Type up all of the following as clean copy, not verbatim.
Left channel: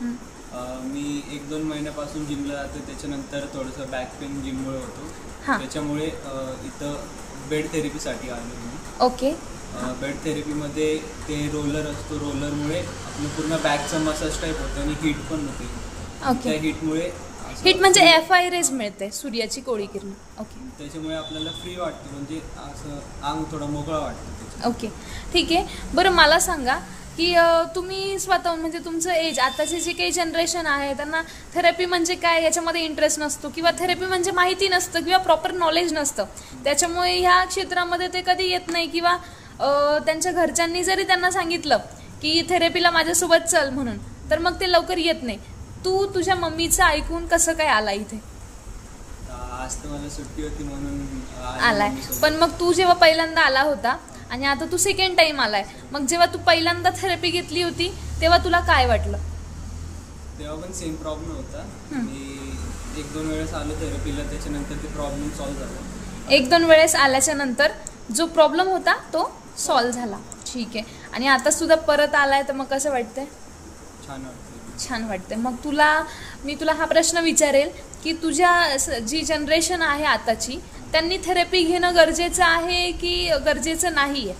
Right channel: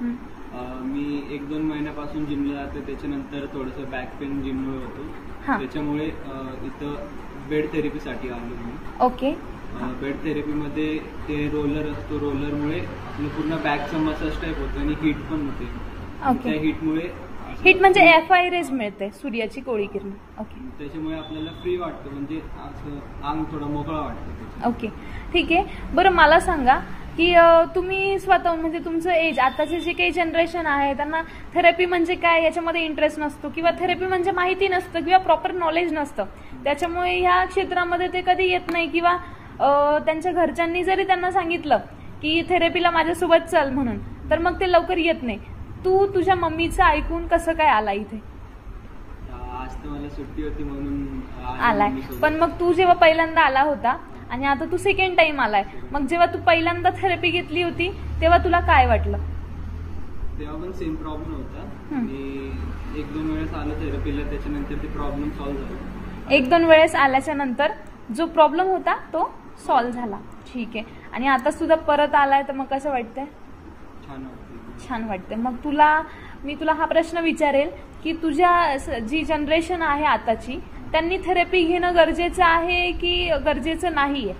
मी 1-2 महिन्यापासून जिमला जाते, त्याच्यानंतर थोडंसं बॅक पेन जिममुळे होतो, त्याच्यामुळे इथं बेड थेरपीसाठी आलो मी. ओके. बेड थेरपीमध्ये ते रोलर असतो, रोलरमुळे आपलं पूर्ण बॅकचं मसाज टाईप होतं आणि हीट पण होते. ओके. त्या हीटमुळे हीट म्हणजे FI रेज मिळते, सूर्याची कोवळी किरण. ओके. त्याच्यामुळे आपल्याला फ्री वाटतं, म्हणजे असं अंग थोडं मोकळं वाटतं. ओके, ठीक आहे. बरं मला सांगा की तुम्ही स्वतःहून म्हणजे तुमचं एज, आताचे जे काही जनरेशन आहे त्यांना थेरपी म्हणजे काय याच्यामध्ये इंटरेस्ट नसतो, किंवा थेरपी म्हणजे माहिती नसतं, किंवा प्रॉपर नॉलेज नसतं, त्याच्यामुळे ह्या क्षेत्रामध्ये ते कधी येत नाही, किंवा त्यांच्या घरच्यांनी जरी त्यांना सांगितलं की थेरपीला माझ्यासोबत चल म्हणून, तर मग ते लवकर येत नाही. तू तुझ्या मम्मीचं ऐकून कसं काय आला इथे? आज तर मला सुट्टी होती म्हणून आलाय. पण मग तू जेव्हा पहिल्यांदा आला होता आणि आता तू सेकंड टाइम आलाय, मग जेव्हा तू पहिल्यांदा थेरपी घेतली होती तेव्हा तुला काय वाटलं? तेव्हा पण सेम प्रॉब्लेम होता. मी 1-2 वेळेस आलो थेरपीला, त्याच्यानंतर ते प्रॉब्लेम सॉल्व्ह झाला. 1-2 वेळेस आल्याच्या नंतर जो प्रॉब्लेम होता तो सॉल्व्ह झाला. ठीक आहे. आणि आता सुद्धा परत आलाय, तर मग कसं वाटतंय? छान वाटतं. छान वाटते. मग मी तुला हा प्रश्न विचारेल की तुझ्या जी जनरेशन आहे आताची, त्यांनी थेरपी घेणं गरजेचं आहे की गरजेचं नाही आहे?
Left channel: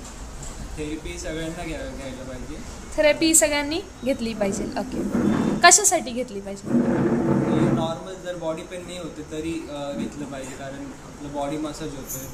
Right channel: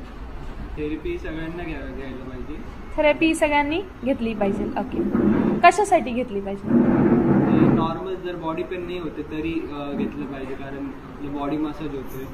थेरपी सगळ्यांना घ्यायला पाहिजे. थेरपी सगळ्यांनी घेतली पाहिजे. ओके. कशासाठी घेतली पाहिजे? नॉर्मल जर बॉडी पेन नाही होते तरी घेतलं पाहिजे, कारण आपलं बॉडी मसाज होतोय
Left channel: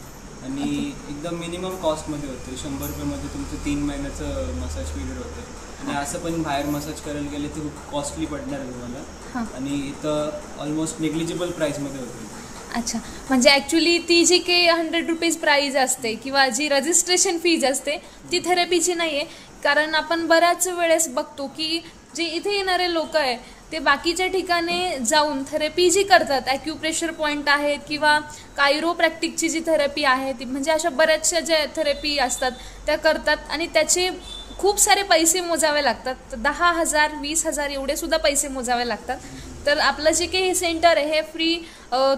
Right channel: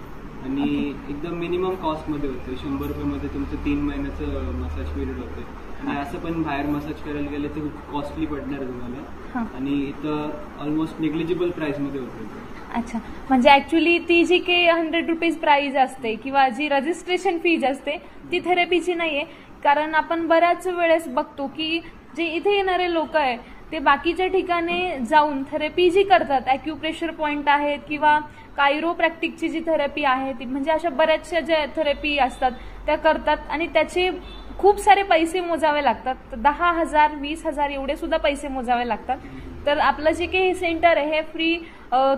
आणि एकदम मिनिमम कॉस्टमध्ये होते. 100 रुपयामध्ये तुमचं 3 महिन्याचं मसाज पिरियड होते. आणि असं पण बाहेर मसाज करायला गेले तर खूप कॉस्टली पडणार आहे तुम्हाला, आणि इथं ऑलमोस्ट नेग्लिजिबल प्राईसमध्ये होते. अच्छा, म्हणजे ॲक्च्युली ती जी काही 100 रुपीज प्राईज असते किंवा जी रजिस्ट्रेशन फीज असते ती थेरपीची नाही आहे. कारण आपण बऱ्याच वेळेस बघतो की जे इथे येणारे लोक आहे ते बाकीच्या ठिकाणी जाऊन थेरपी जी करतात, ॲक्युप्रेशर पॉईंट आहेत किंवा कायरोप्रॅक्टिकची जी थेरपी आहे ती, म्हणजे अशा बऱ्याचशा ज्या थेरपी असतात त्या करतात आणि त्याचे खूप सारे पैसे मोजावे लागतात. 10,000 20,000 एवढे सुद्धा पैसे मोजावे लागतात. तर आपलं जे काही सेंटर आहे हे फ्री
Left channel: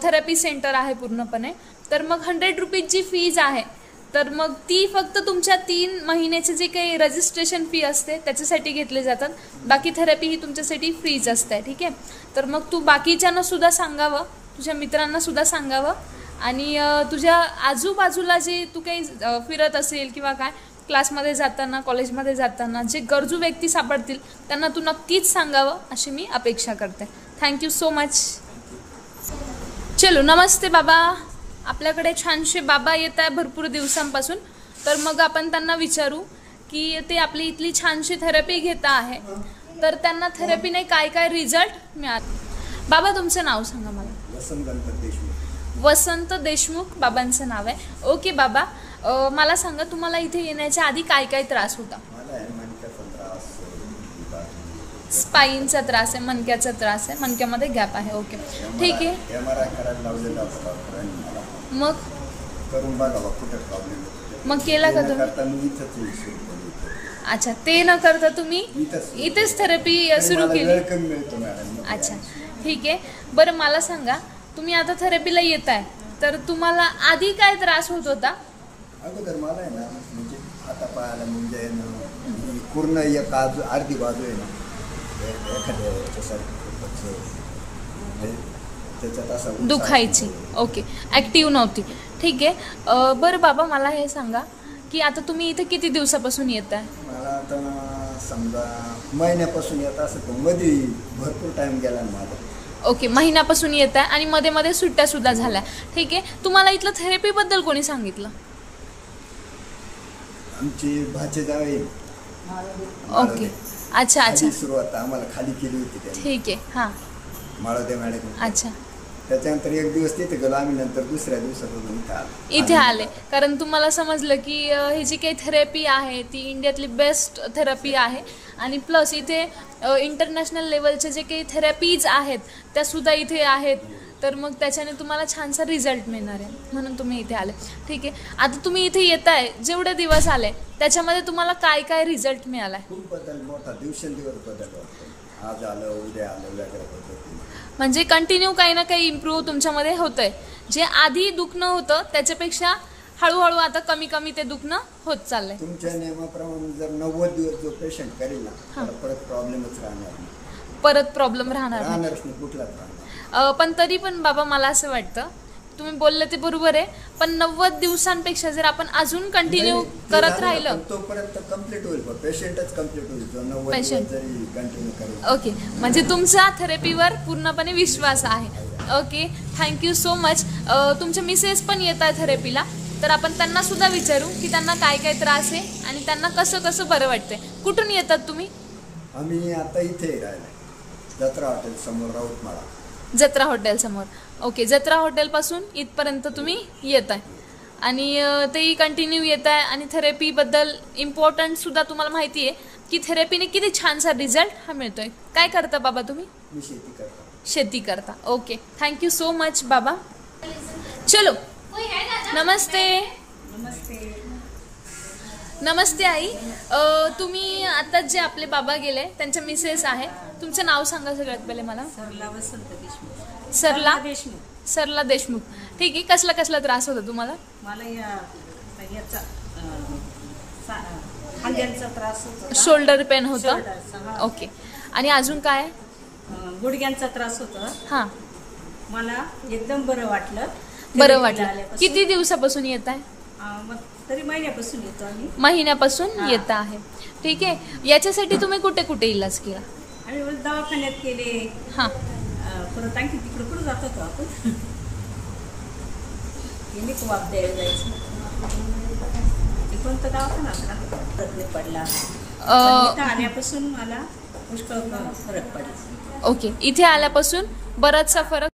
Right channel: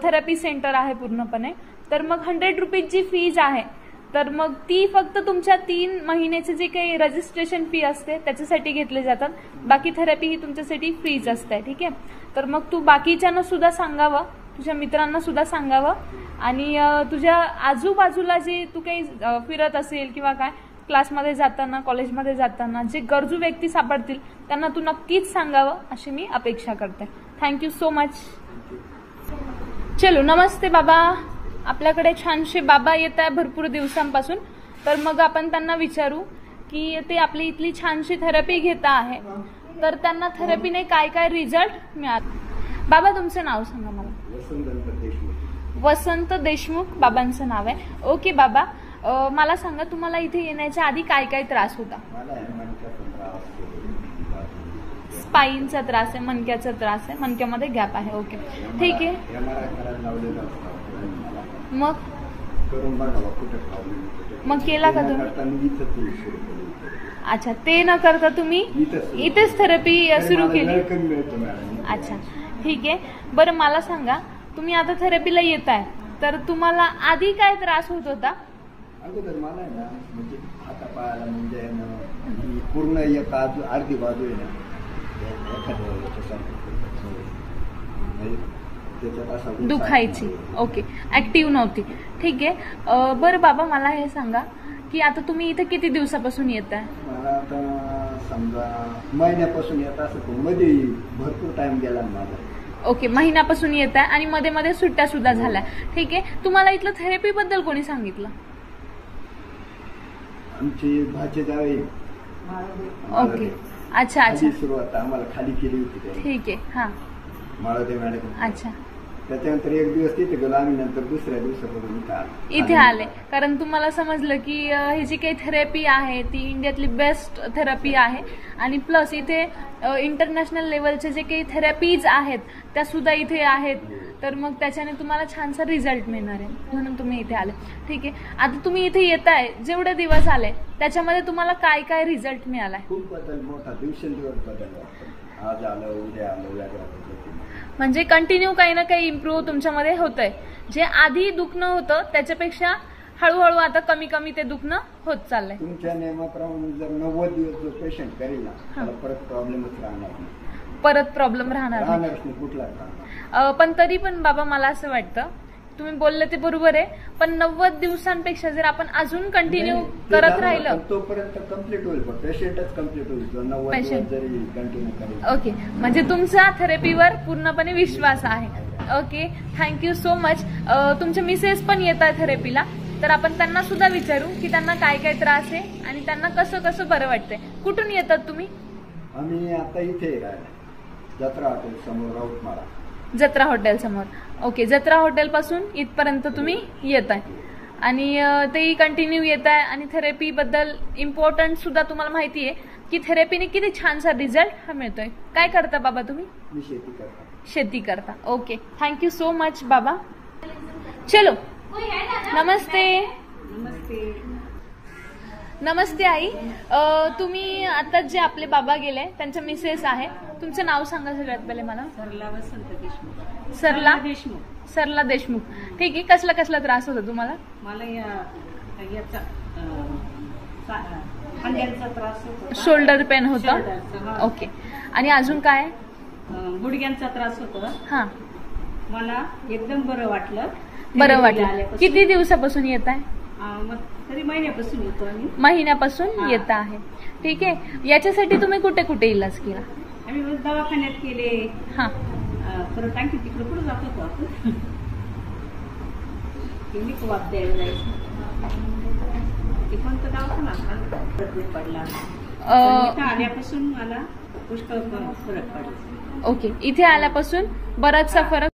थेरपी सेंटर आहे पूर्णपणे. तर मग 100 रुपीजची फीज आहे, तर मग ती फक्त तुमच्या 3 महिन्याचे जे काही रजिस्ट्रेशन फी असते त्याच्यासाठी घेतले जातात. बाकी थेरपी ही तुमच्यासाठी फ्रीज असते. ठीक आहे. तर मग तू बाकीच्यांना सुद्धा सांगावं, तुझ्या मित्रांना सुद्धा सांगावं, आणि तुझ्या आजूबाजूला जे तू काही फिरत असेल किंवा काय क्लासमध्ये जाताना, कॉलेजमध्ये जाताना जे गरजू व्यक्ती सापडतील त्यांना तू नक्कीच सांगावं अशी मी अपेक्षा करते. Thank you so much. चलो, नमस्ते बाबा. आपल्याकडे छानसे बाबा येत आहे भरपूर दिवसांपासून, तर मग आपण त्यांना विचारू की ते आपली इथली छानशी थेरपी घेता आहे, तर त्यांना थेरपीने काय काय रिझल्ट मिळाले. बाबा तुमचं नाव सांगा मला. वसंत देशमुख बाबांचं नाव आहे. ओके बाबा, मला सांगा तुम्हाला इथे येण्याच्या आधी काय काय त्रास होता? स्पाईनचा त्रास आहे, मणक्याचा त्रास आहे, मणक्यामध्ये गॅप आहे. ओके, ठीक आहे. मग केला का तुम्ही? अच्छा, ते न करता तुम्ही इथेच थेरपी सुरू केली? अच्छा, ठीक आहे. बरं मला सांगा, तुम्ही आता थेरपीला येत आहे, तर तुम्हाला आधी काय त्रास होत होता? अगोदर मला आहे ना, म्हणजे हाता पायाला म्हणजे पूर्ण एक अर्धी बाजू आहे ना दुखायची. ओके, ऍक्टिव्ह नव्हती. ठीक आहे. बरं बाबा मला हे सांगा की आता तुम्ही इथे किती दिवसापासून येत आहे? मला आता समजा महिन्यापासून येत असं, मध्ये भरपूर टाइम गेला माझा. ओके, महिन्यापासून येत आहे आणि मध्ये मध्ये सुट्ट्या सुद्धा झाल्या. ठीक आहे. तुम्हाला इथलं थेरपी बद्दल कोणी सांगितलं? आमची भाची जावे. ओके, अच्छा अच्छा. सुरुवात आम्हाला खाली केली होती. ठीक आहे. हां, माळोदे मॅडम. अच्छा. त्याच्यानंतर एक दिवस तिथे गेलो आम्ही, नंतर दुसऱ्या दिवसापासून इथे आले, कारण तुम्हाला समजलं की ही जी काही थेरपी आहे ती इंडियातली बेस्ट थेरपी आहे, आणि प्लस इथे इंटरनॅशनल लेवलचे जे काही थेरपीज आहेत त्या सुद्धा इथे आहेत. तर मग त्याच्याने तुम्हाला छानसा रिझल्ट मिळणार आहे, म्हणून तुम्ही इथे आले. ठीक आहे. आता तुम्ही इथे येत आहे, जेवढे दिवस आले त्याच्यामध्ये तुम्हाला काय काय रिझल्ट मिळाला? खूप बदल, मोठा दिवसेंदिवस बदल. आज आलं, उद्या आलं, वेगळ्या पद्धतीने. म्हणजे कंटिन्यू काही ना काही इम्प्रूव्ह तुमच्यामध्ये होत आहे. जे आधी दुखणं होतं त्याच्यापेक्षा हळूहळू आता कमी कमी ते दुखणं होत चाललंय. तुमच्या नियमाप्रमाणे जर 90 दिवस जो पेशंट करेल ना, त्याला परत प्रॉब्लेमच राहणार नाही. परत प्रॉब्लेम राहणार नाही. राहणारच नाही कुठलाच राहणार. पण तरी पण बाबा मला असं वाटतं, तुम्ही बोलले ते बरोबर आहे, पण 90 दिवसांपेक्षा जर आपण अजून कंटिन्यू नाही, ते करत झालं, राहिलं. पण तोपर्यंत कम्प्लीट होईल, पेशंटच कम्प्लीट होईल जो 90 दिवस Patient. जरी कंटिन्यू करेल. ओके, म्हणजे तुमचा थेरपीवर पूर्णपणे विश्वास आहे. Okay, thank you so much. तुमचे मिसेस पण येत आहे थेरपीला, तर आपण त्यांना सुद्धा विचारू की त्यांना काय काय त्रास आहे आणि त्यांना कसं कसं बरं वाटतंय. कुठून येतात तुम्ही? आम्ही आता इथे राहिला जत्रा हॉटेल समोर राऊतमाळा. जत्रा हॉटेल समोर. ओके, जत्रा हॉटेलपासून इथपर्यंत तुम्ही येत आहे आणि तेही कंटिन्यू येत आहे. आणि थेरपीबद्दल इम्पॉर्टंट सुद्धा तुम्हाला माहिती आहे की थेरपीने किती छानसा रिझल्ट हा मिळतोय. काय करता बाबा तुम्ही? मी शेती करतो. शेती करता. ओके, थँक्यू सो मच बाबा. चलो, नमस्ते. नमस्ते आई. तुम्ही आता जे आपले बाबा गेले त्यांचे मिसेस आहे, तुमचं नाव सांगा सगळ्यात पहिले मला. सरला वसंत देशमुख. सरला देशमुख. सरला देशमुख. ठीक आहे, कसला कसला त्रास होता तुम्हाला? मला याचा खांद्यांचा त्रास होतो. शोल्डर पेन होता. शोल्डरचा, हा. ओके, आणि अजून काय? गुडघ्यांचा त्रास होतो. हां, मला एकदम बरं वाटलं. बरं थेरपीला वाटलं. आल्यापासून. किती दिवसापासून येत आहे? मग तरी महिन्यापासून येतो आम्ही. महिन्यापासून हां. येत आहे. ठीक आहे, याच्यासाठी तुम्ही कुठे कुठे इलाज केला? आम्ही मग दवाखान्यात केले. हां, परत आणखी तिकडे कुठं जात होतो आपण. केली वाप द्यायला जायचं. ते कोणतं दवाखाना पडला. इथं आल्यापासून मला पुष्कळ फरक पडला. ओके, इथे आल्यापासून बराचसा फरक